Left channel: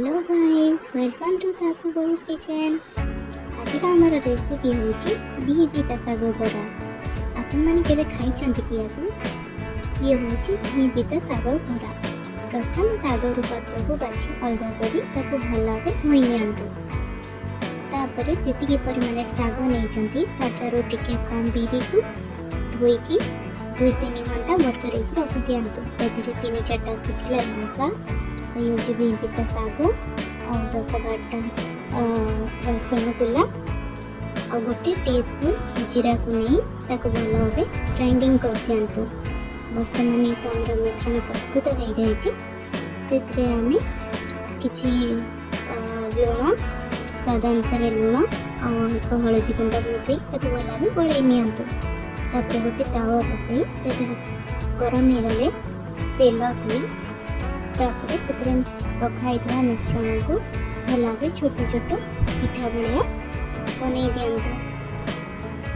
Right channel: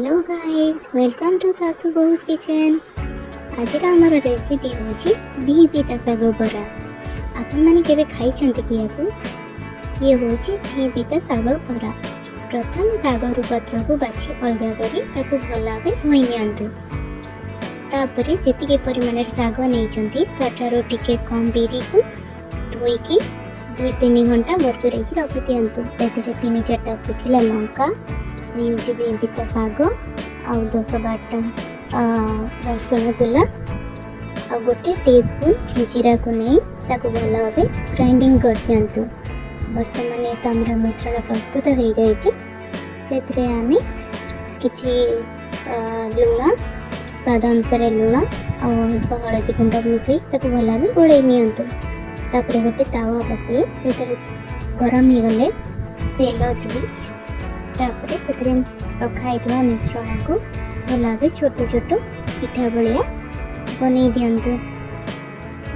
Hello guys, welcome to सासू बहुस kitchen. आज आमर रेसिपी होची बिही पिता साग बरा। आपण माने केबे खाई छंती कि ये होची बिही पिता साग बरा। प्रथम साग पत्र को बाछि अलगा करी ताको भलाबे धोई नियंतु। तापरे जेतिके परिमाण साग नै छंती ताठारो टिके कम बिरी को धोई की 2-3 घंटा बतुरे की रख दियंतु। सेतिरे 3-4टा सुखिला लंका यूज बिही पिता साग आ 10-12टा रसुण गुला आ गोटे टीस्पून जीरा को नहीं ताको भल भाव ग्राइंडिंग कर दियंतु। बर्तमान एक आमर मिश्रण प्रस्तुत हो जाए आम किसी लुण स्वाद अनुसार लुण और हलदी गुंड मिसई भल भाव गोल नियंतु। तापर गोटे तावा बसई से गरम हो गले तेल दिए रखाई मिश्रण को भल भाव छोट छोट पिठा भाया बन दिंतु।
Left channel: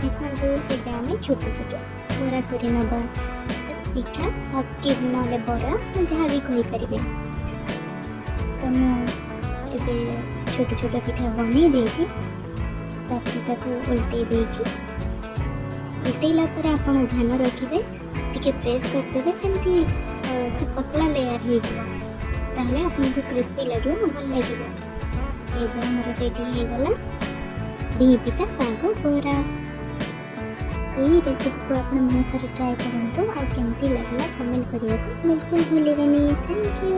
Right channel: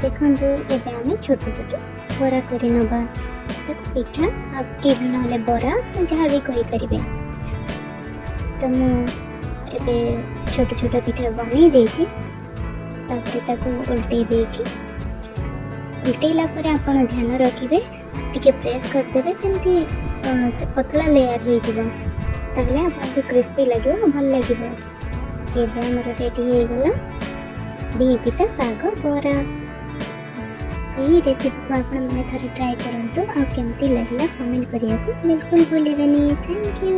देखु एवं आम छोट छोट बरा कर नवा पिठा कि ना बरा जहाँ भी कहींपर। तो मुझे छोट छोट पिठा बन देगी उल्टे देकी उल्टेला आप ध्यान रखिए टी प्रेस करदे जमी पतला लेयर हो ताले आपको क्रिस्पी लगे भल लगे। ये मोर रेडी हो गला बिही पिता साग बरा। ये रेसिपी को आप थोड़ा ट्राई करूँ आ केमती लगला कमेंट करिया बिल्कुल भूलिबेनी। Thank you.